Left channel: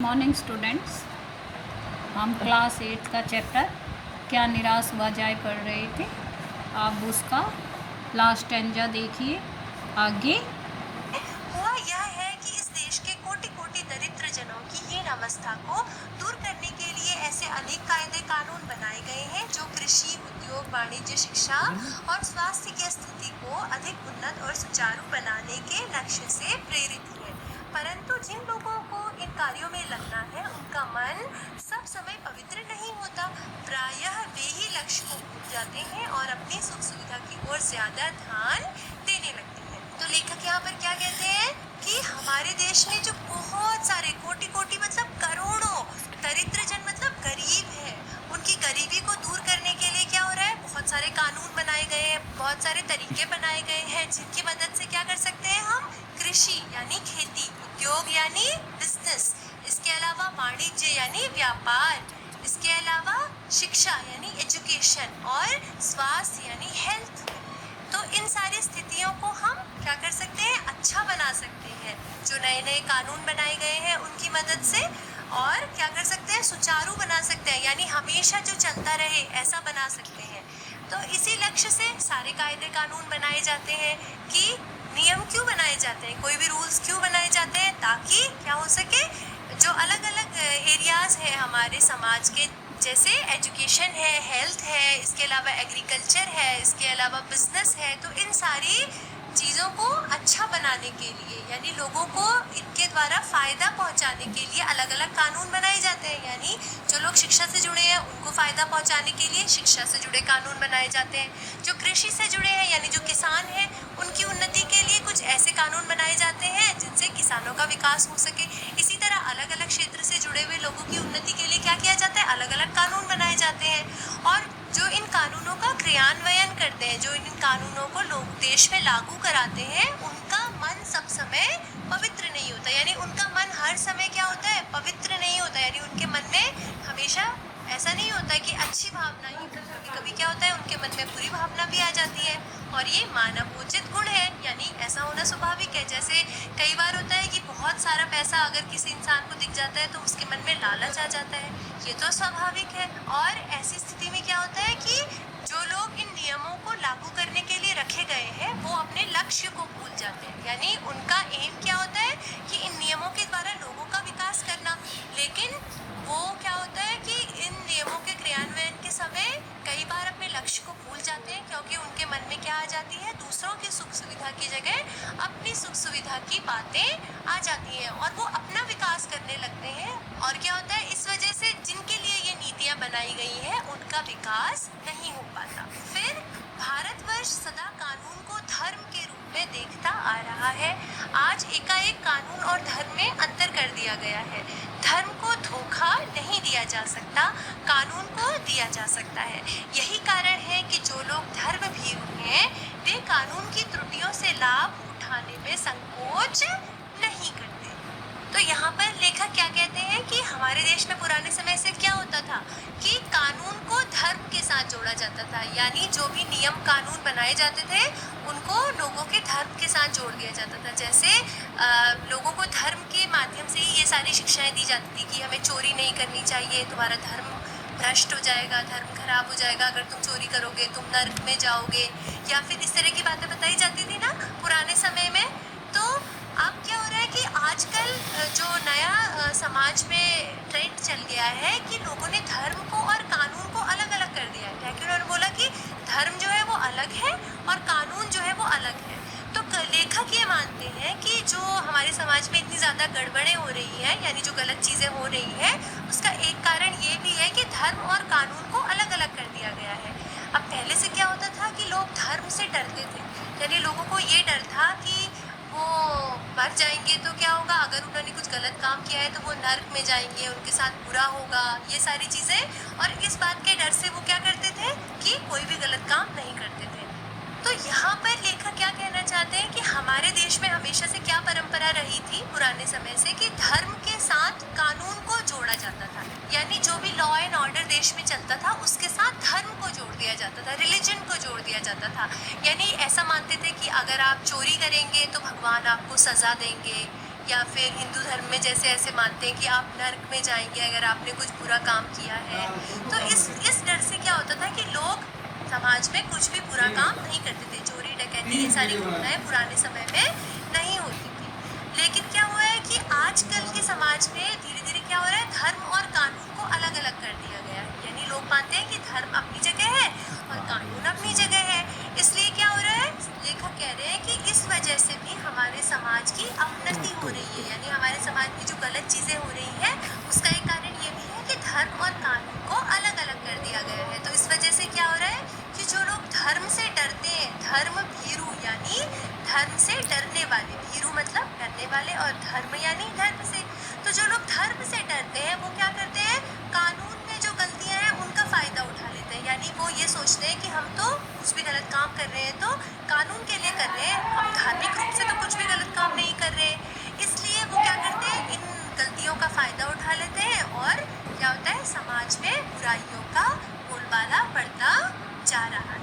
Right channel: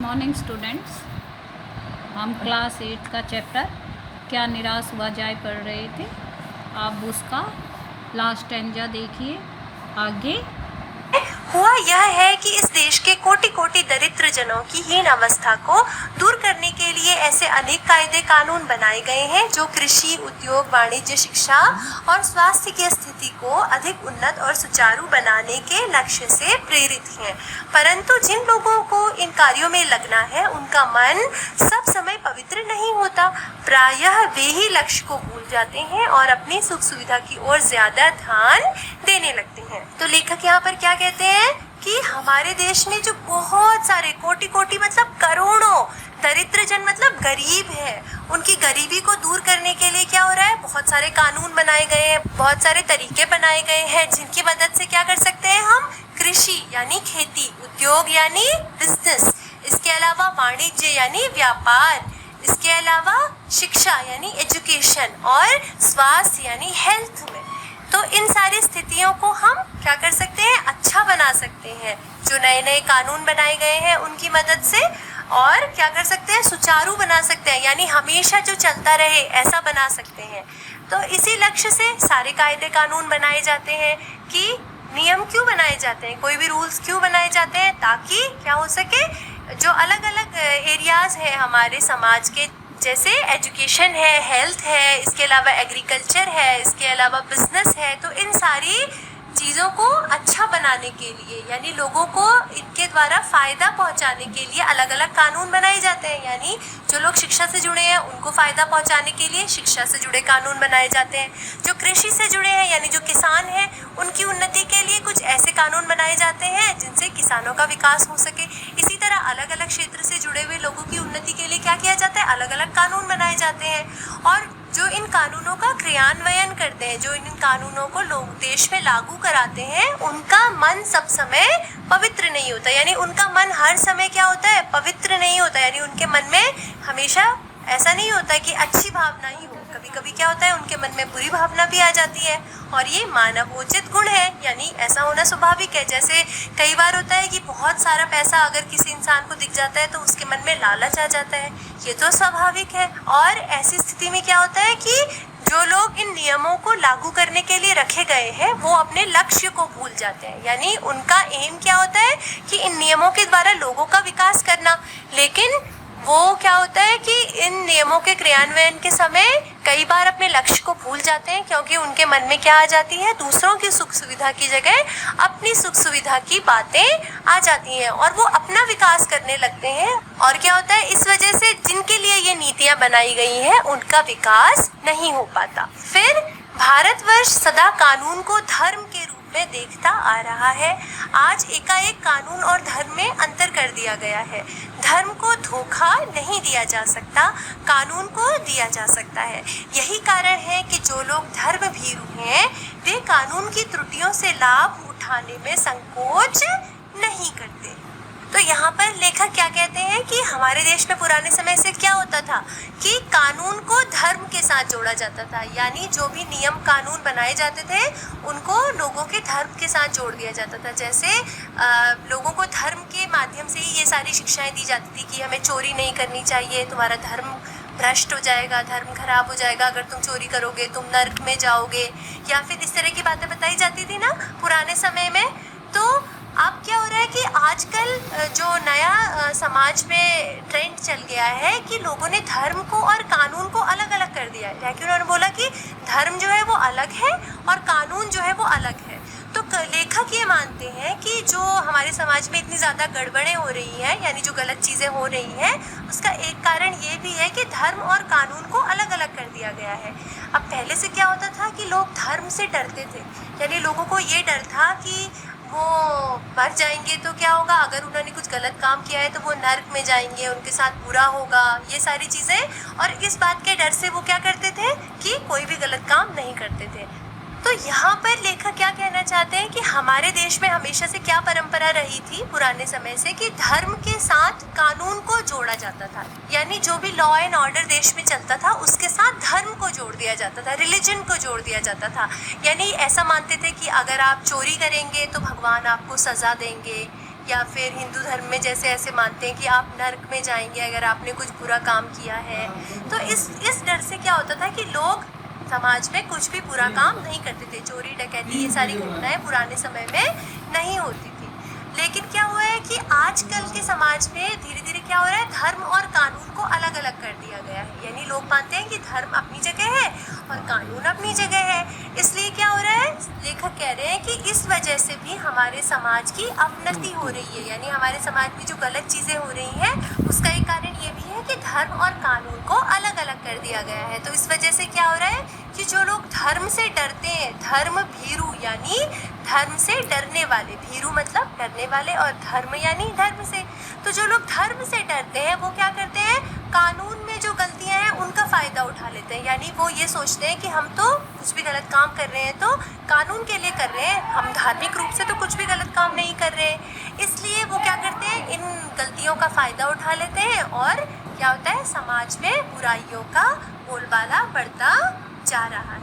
Morning students, हम class 8 का chapter क्या निराश हुआ जाए पढ़ रहे थे। आप उसका लास्ट स्टैंजा देखिए। आगे हुआ यह है कि इस देश के कोटि कोटि दरिद्र जनों की हीन अवस्था को दूर करने के लिए ऐसे अनेक कायदे कानून बनाए गए हैं जो कृषि, उद्योग, वाणिज्य, शिक्षा और स्वास्थ्य की स्थिति को अधिक उन्नत और सुचारू बनाने के लक्ष्य से प्रेरित हैं। परंतु जिन लोगों को इन कार्यों में लगना है उनका मन सब समय पवित्र नहीं होता। प्रायः वे ही लक्ष्य को भूल जाते हैं और अपनी सुख सुविधा की ओर ज्यादा ध्यान देने लगते हैं। तो लेखक यहाँ पर क्या कहते हैं कि हमारे देश में जो बहुत सारे कोटि कोटि मतलब करोड़ों दरिद्र जन मतलब गरीब है, उनकी गरीबी को दूर करने के लिए क्या हो रहा है, बहुत सारे कानून बनाए गए हैं, बहुत सारे तरीके बनाए गए हैं जिनकी मदद से क्या कर सकते हैं हम कृषि यानी खेती, उद्योग यानी बिजनेस, इसके अलावा वाणिज्य यानी व्यापार, इसके अलावा शिक्षा यानी एजुकेशन और स्वास्थ्य यानी हेल्थ में, तो इन सारी स्थितियों को हम क्या कर सकते हैं, अच्छा बना सकते हैं जो नए नए कानून बनाए गए हैं उनकी मदद से। और क्या कर सकते हैं, सुचारू बना सकते हैं यानी हमेशा जो चलता रहे ऐसा बना सकते हैं। तो इसी लक्ष्य से सारे कायदे कानून बनाए जाते हैं कि नियम क्यों बनाए जाते हैं, कोई भी रूल्स क्यों बनाए जाते हैं, ताकि क्या हो सके, जो अलग अलग एरियाज हैं हमारे समाज के, जैसे एजुकेशन है, हेल्थ है, इसके अलावा एग्रीकल्चर है, इसके अलावा बिजनेस है, तो इन सारी चीज़ों को अच्छा बनाने के लिए यानी लोगों को इनके द्वारा फ़ायदा पहुंचाने के लिए अलग अलग कानून बनाए जाते हैं। यानी जो लोग शिक्षा से जुड़े हैं उनको फ़ायदा पहुंचाने के लिए शिक्षा से जुड़े कानून बनाए जाते हैं। जो कृषि से जुड़े हैं यानी जो किसान हैं उनकी उन्नति के लिए कुछ ऐसे कानून बनाए जाते हैं जिनसे किसानों का विकास हो सके। इसी तरह अलग अलग क्षेत्र से जुड़े हुए लोगों की उन्नति के लिए क्या किया जाता है, अलग अलग कानून बनाए जाते हैं। और जो इन कानूनों का क्रियान्वयन करते हैं, जो इन कानूनों को लोग देश में लागू कराते हैं, उनका मन सब समय पवित्र नहीं होता, यानी उनका मन हर समय क्या होता है, पवित्र नहीं होता, यानी उनके मन में हमेशा ऐसा नहीं होता कि अच्छी भावना ही हो, कभी कभी क्या होता है उनके मन में बुरी भावना भी आ जाती है। और ये मानवोचित गुण है, यानी ऐसा होना स्वाभाविक है। जैसे कई बार होता है कि बहुत सारा पैसा अगर किसी इंसान को दिख जाता है तो उसके मन में लालच आ जाता है, ये तो स्वाभाविक है। और ऐसी स्थिति में क्या होता है कि जो लोग इन नियमों को लागू करने के लिए रखे गए हैं वो अपने लक्ष्य को भूल जाते हैं, यानी उनका एम क्या होता है कि इन नियमों के द्वारा लोगों का विकास करना, लेकिन वो क्या होता है कि इन नियमों के क्रियान्वयन के समय कई बार अपने लक्ष्य को भूल जाते हैं, क्योंकि उनके मन में क्या आ जाती है, दूसरों की सुख सुविधा की जगह अपनी सुख सुविधा की बातें आ जाती हैं और वो अपना विकास करने लगते हैं। और क्या होता है, इस वजह से जिनके लिए ये नीतियां बनाई गई हैं उनका विकास नहीं हो पाता। फिर भारतवर्ष सदा कानून को धर्म के रूप में देखता आ रहा है। आज एकाएक कानून और धर्म में अंतर कर दिया गया है। धर्म को धोखा नहीं दिया जा सकता, कानून को दिया जा सकता है। यही कारण है कि जो लोग धर्म भीरू हैं वे कानून की त्रुटियों से लाभ उठाने में संकोच नहीं करते। तो यहाँ पर लेखक क्या कहते हैं कि हमारे देश में पुराने समय से क्या होता था कि कानून को धर्म के साथ जोड़ा जाता था, यानी जो भी नियम कानून बनाए जाते थे उनको लोगों के धर्म के साथ जोड़ दिया जाता था। जैसे लोगों को धर्म के माध्यम से ही ये सारी शिक्षाएं दी जाती थी कि हमें चोरी नहीं करनी चाहिए, तुम्हारा धर्म भ्रष्ट हो जाएगा, धर्म खराब हो जाएगा, अगर तुम चोरी करोगे तुम नर्क में जाओगे, या फिर इस तरह की बातें बताई जाती थी ना पुराने समय में। तो अब क्या हो रहा है कि आजकल जो नया समाज में ट्रेंड चल गया है कि लोगों ने धर्म को और कानून को अलग अलग कर दिया है, क्योंकि उन्होंने बोला कि धर्म जो है वो अलग है और कानून जो है वो अलग है। तो लेखक ये मानते हैं कि जो हमारे समाज में इतनी ज़्यादा गड़बड़ें हो रही हैं, यानी जो गलत चीज़ें हो रही हैं, उसका एक कारण ये भी है कि धर्म और कानून को अलग अलग कर दिया गया है। अब पहले से क्या होता था कि लोग धर्म से डरते थे, यानी लोगों को ये डर था कि वो मर जाएंगे तो क्या होगा, अगर उन्होंने कुछ गलत काम किया है तो वो नर्क में जाएंगे, उनके साथ बुरा होगा, ये सारी चीज़ें। और इस बात के डर से वो क्या करते थे कि कोई भी गलत काम नहीं करते थे। तो यहाँ पर लेखक क्या कहना चाहते हैं कि हमारे देश में हमेशा से क्या परंपरा रही थी पुराने समय से कि धर्म के साथ कानून को जोड़ा जाता था, यानी जो भी लॉ एंड ऑर्डर देश में चलता था उसके साथ धर्म को जोड़ दिया जाता था, रिलीजन को जोड़ दिया जाता था। यानी ऐसा मानते थे कि अगर आप चोरी करेंगे तो भगवान आपको सज़ा देंगे, या फिर हिंदू धर्म में जैसे ऐसे मानते हैं कि आप नर्क में जाएंगे अगर आपने कुछ बुरा काम किया है। तो इस डर से क्या होता था कि लोग समाज में कुछ भी बुरा काम नहीं करते थे। चोरी डकैती ये सारी घटनाएं पुराने समय में नहीं होती थी। लेकिन क्या हुआ है कि आजकल के समाज में धीरे धीरे क्या हो रहा है, धर्म और कानून को अलग अलग कर दिया गया है। यानी लोग मानते हैं कि धर्म अपनी जगह है और कानून अपनी जगह है। इसलिए क्या हो रहा है, लेखक कह रहे हैं कि इस वजह से भी हमारे समाज की अवनति हो रही है। यानी हमारे समाज में जो गलत चीजें हो रही हैं उसका एक कारण ये भी है कि धर्म और कानून को अलग अलग कर दिया गया है। तो इस वजह से क्या हो रहा है कि जो लोग धर्म से डरते हैं, धर्म भीरु यानी धर्म से डरने वाले, भीरु मतलब डरने वाले और धर्म यानी धर्म से, तो जो लोग धर्म से डरते हैं वो क्या करते हैं, कानून में जो गलतियां हैं उनका फायदा उठा लेते हैं। यानी वो ये सोचते हैं कि हम तो कुछ भी गलत काम कर रहे हैं तो कानून के लिए कर रहे हैं, हम धार्मिक रूप से तो कुछ भी गलत काम नहीं कर रहे हैं। इसलिए वो क्या करते हैं, इन गलतियों का फायदा उठा लेते हैं और क्या होता है, समाज में बुराइयों का बोलबाला बढ़ता जा रहा है।